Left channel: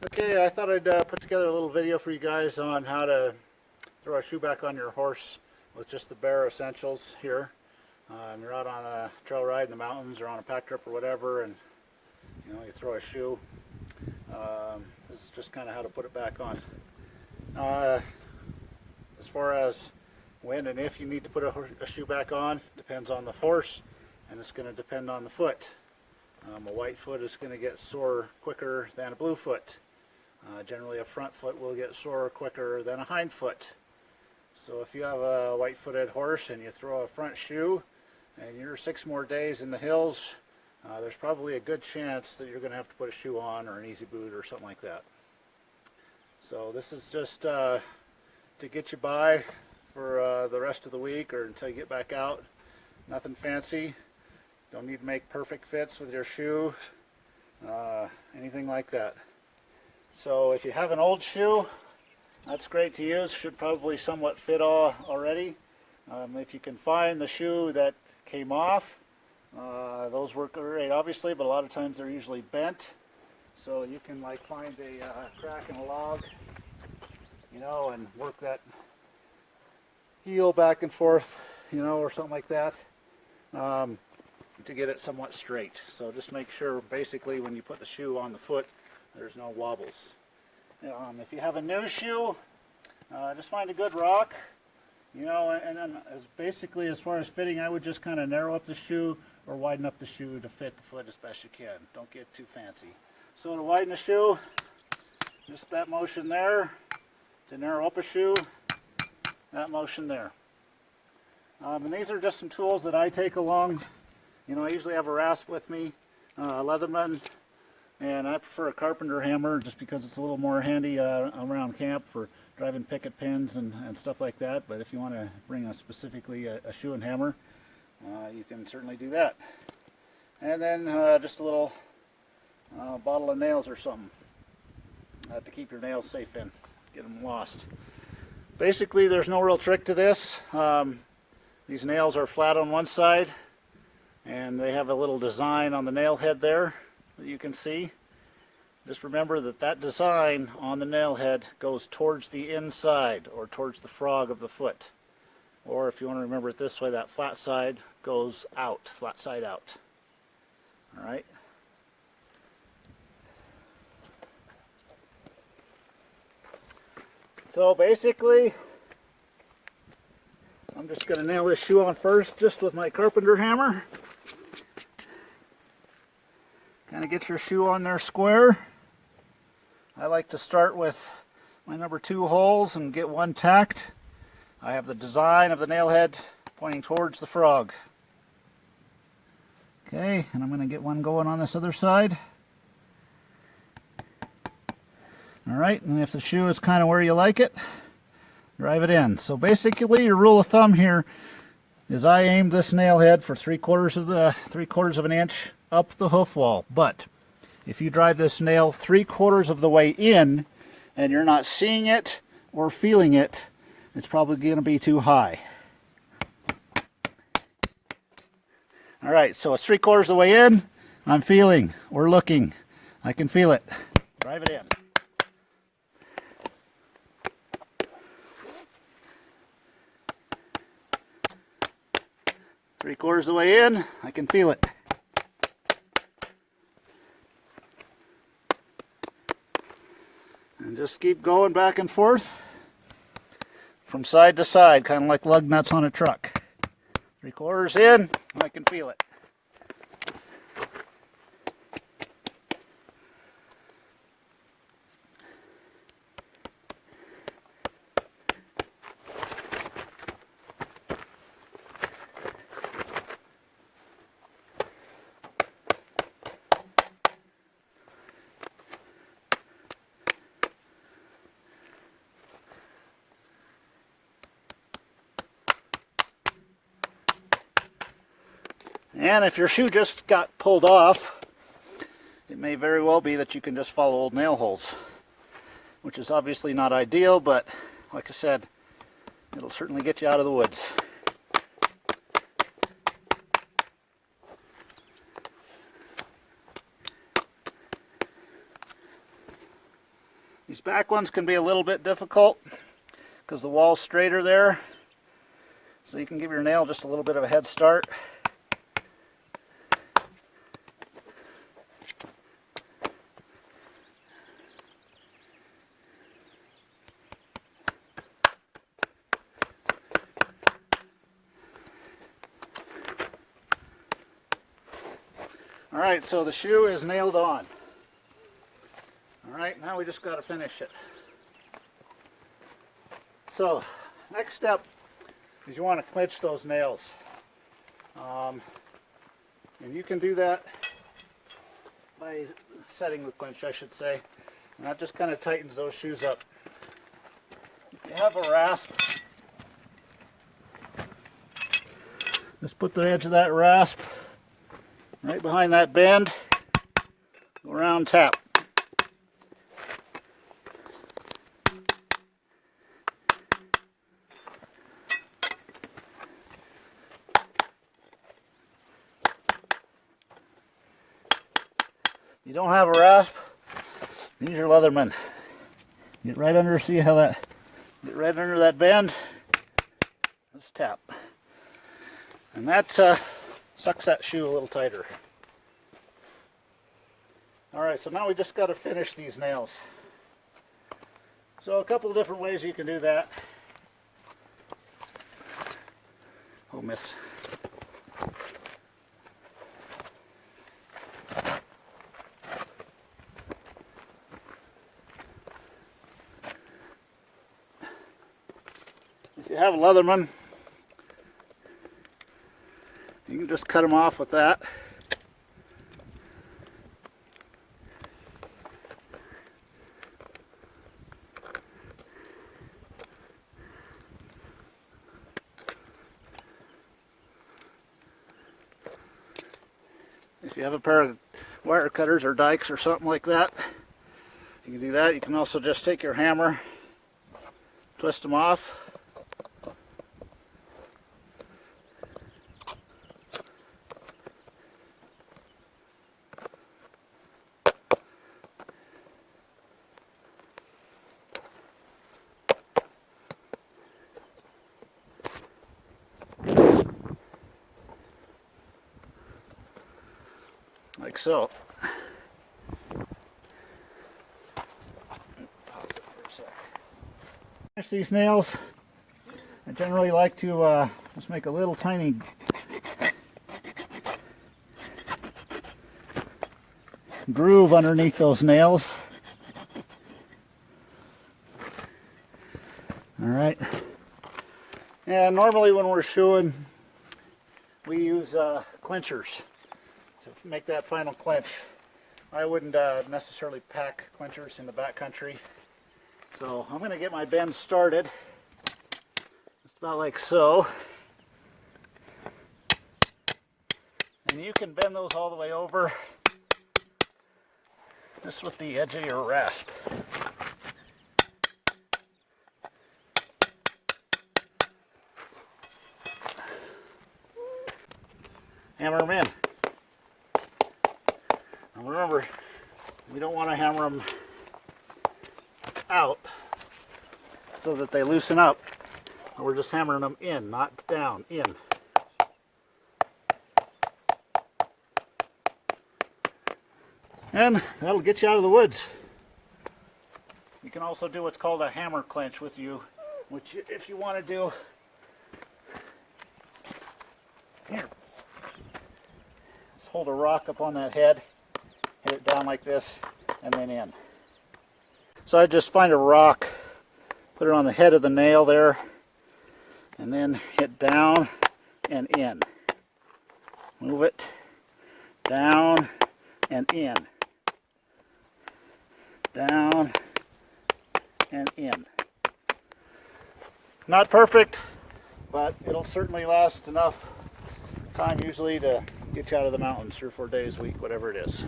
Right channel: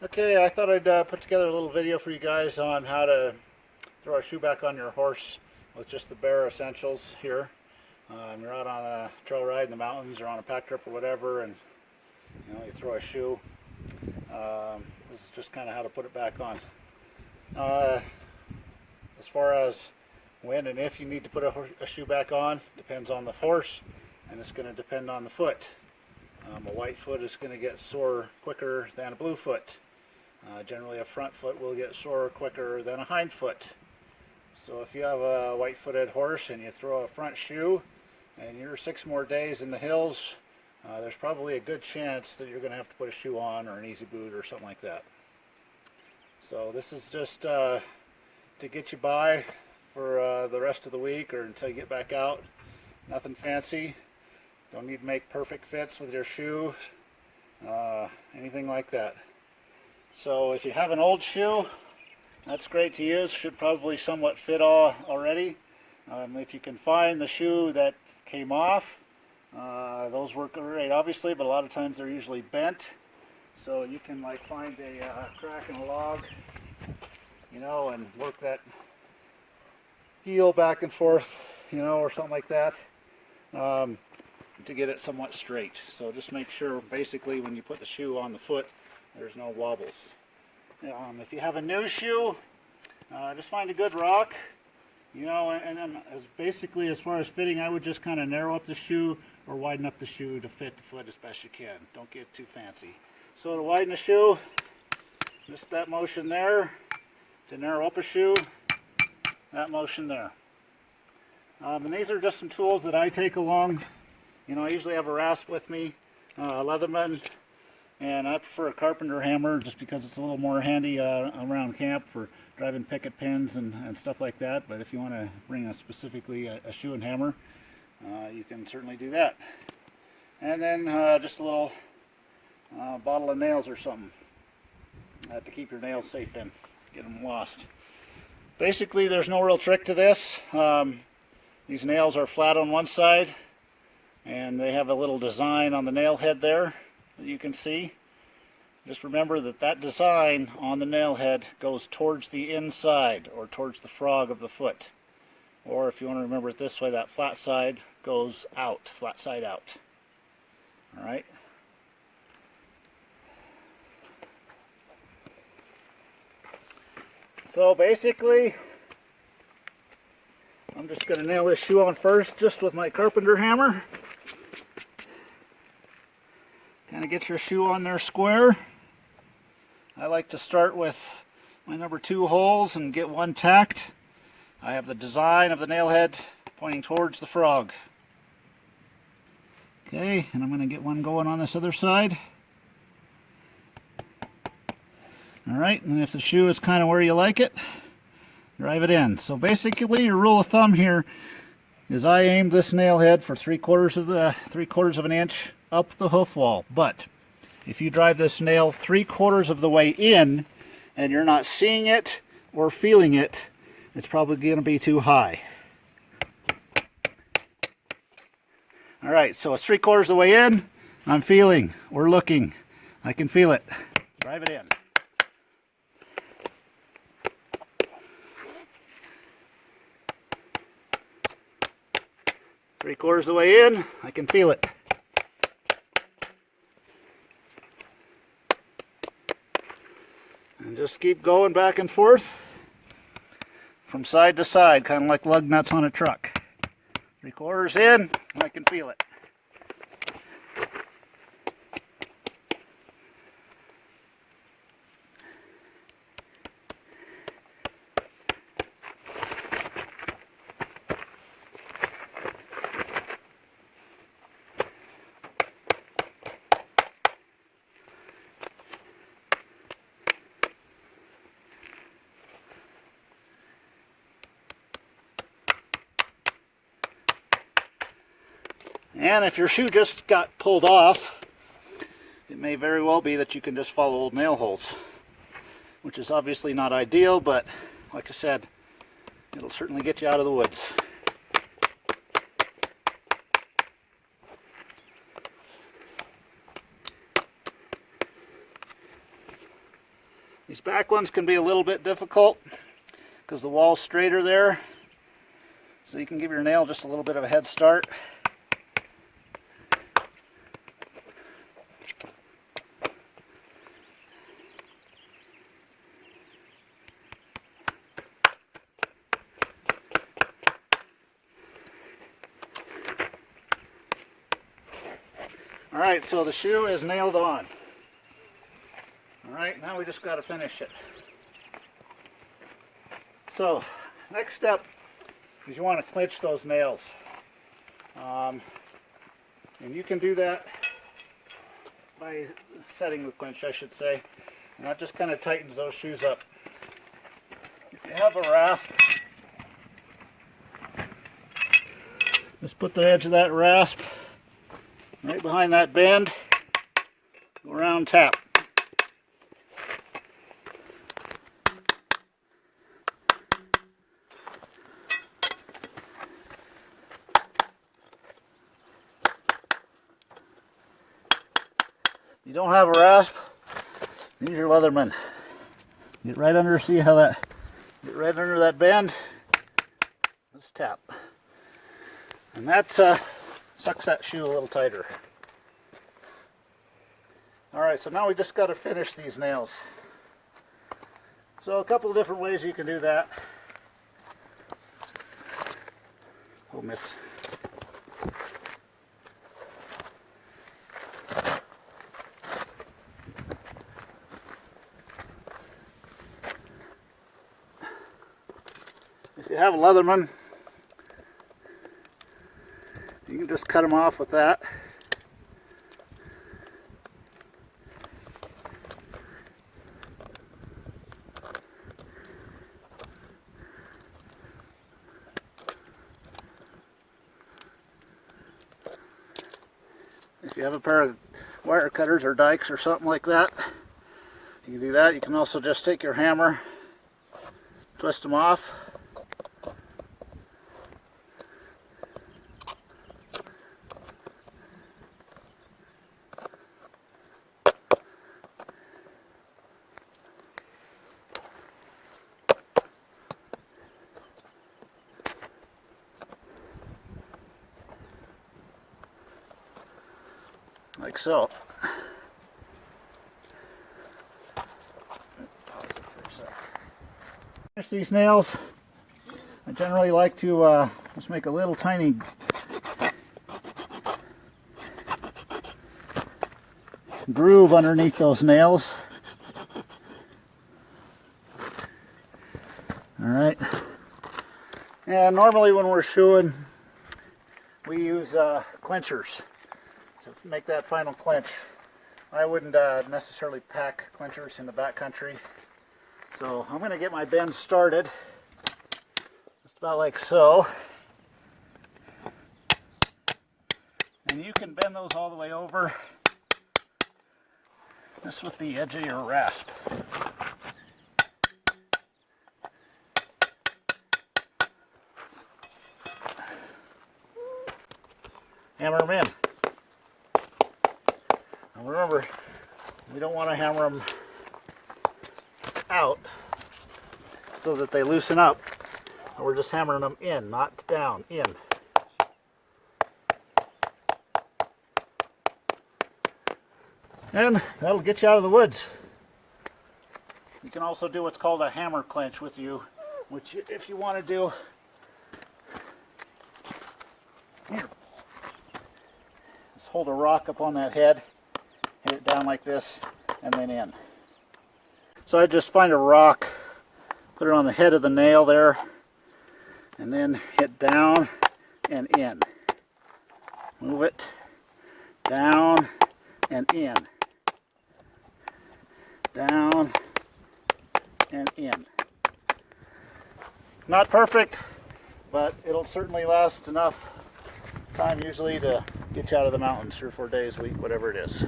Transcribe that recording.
Okay, I thought I'd put together a little video for you guys on how to throw a shoe back on your horse with just the bare essentials here. You're out on a trail ride in the mountains or on a pack trip or whatever, and you throw a shoe. This is just kind of how to put it back on. As far as when and if you need to put a shoe back on, depends on the horse, and it's going to depend on the foot. A white foot is going to get sore quicker than a blue foot. Generally a front foot will get sore quicker than a hind foot. So if you have a white-footed horse and you throw a front shoe and you're 6 more days in the hills, there's probably a good chance that you're going to have to put a shoe on or an easy boot or something like that. So this is just to get you by for the rest of the week or until you get back out. Nothing fancy. Don't need to make perfect fits with your shoe, anything like that. So if you have an old shoe, that's great to use. Should probably somewhat fit already. If you can find the shoe that came off, those work great obviously, but a lot of times they're usually bent. So you can like find a crack in a log, and work that heel back and forth, or something like that. To get it somewhat straight. So just make sure basically when you put the shoe on the foot there's no wobbles. If you have a new shoe, just find a good rock, and then basically as far as fitting, I would just kind of narrow up the shoe or widen up the shoe to fit the foot as best you can. Don't get too fancy. So to widen the shoe, just that motion there. To narrow up a shoe, that motion there. And these are just some tools that I take along. I usually have a rasp with me, a Leatherman, and I prefer a carpenter hammer just because it's a little more handy around camp for driving picket pins and stuff like that. But if you want to bring specifically a shoe and hammer, you can certainly do that. And then just a little bottle of nails or something to keep your nails safe in, get them lost. Basically, there's no real trick to this. These nails are flat on one side, and they have a little design on the nail head there that you can see. Just remember that design on the nail head goes towards the inside or towards the frog of the foot. Or if you want to remember it this way, that flat side goes out, flat side out. Alright. So basically, I'm just going to nail this shoe on first just with my carpenter hammer. Kind of get your shoe on there square. I like to start with my number 2 holes and get one tacked. I have the design of the nail head pointing towards the frog. Okay, and I'm going to get one going on this other side. Alright, and if the shoe is kind of where you like it, drive it in. So basically your rule of thumb here is I aimed this nail head for 3/4 of an inch up the hoof wall. But if you drive this nail 3/4 of the way in and you're not seeing it or feeling it, it's probably going to be too high. Alright, so it's 3/4 of the way in, I'm feeling or looking. I can feel it. Drive it in. Three-quarters of the way in, I can feel it. And just keep going back and forth from side to side, kind of like lug nuts on a truck. 3/4 in, I can feel it. And if your shoe just got pulled off, it may very well be that you can just follow old nail holes, which is obviously not ideal, but like I said, it'll certainly get you out of the woods. These back ones can be a little bit difficult because the wall's straighter there. So you can give your nail just a little bit of a head start. Alright, so the shoe is nailed on. Alright, now we just got to finish it. So, next step is you want to clinch those nails. And you can do that by setting the clinch, I should say. And that just kind of tightens those shoes up. If you have a rasp, just put the edge of that rasp right behind that bend, go around tap. You don't have a rasp, use your Leatherman. Get right under, see how that, get right under that bend, just tap. And that sucks that shoe a little tighter. Alright, so now we just got to finish these nails. So a couple of different ways you can do that. Oh, miss. If you have a Leatherman, you can just cut them off with that. If you have a pair of wire cutters or dikes or something like that, you can do that. You can also just take your hammer, twist them off. Like so. Finish these nails. I generally like to just make a little tiny groove underneath those nails. Alright. And normally when we're shoeing, we use clinchers to make that final clinch. I wouldn't necessarily pack clinchers in the backcountry. So I'm going to get my bend started. Just about like so. And you can bend those all the way over. Just with the edge of your rasp. Hammer them in. And remember, we don't want to hammer them out so that they loosen up. We're just hammering them in, not down, in. And that'll get you out of the woods. You can also do what's called a hammer clinch with you, which if you want to do, just hold a rock up on that head, hit it down like this, and then in. So I just find a rock, put it on the head of the nail there, and then hit down and in. Move it down and in. Down and in. Not perfect, but it'll certainly last enough time usually to get you out of the mountains 3 or 4 days, week, whatever it is.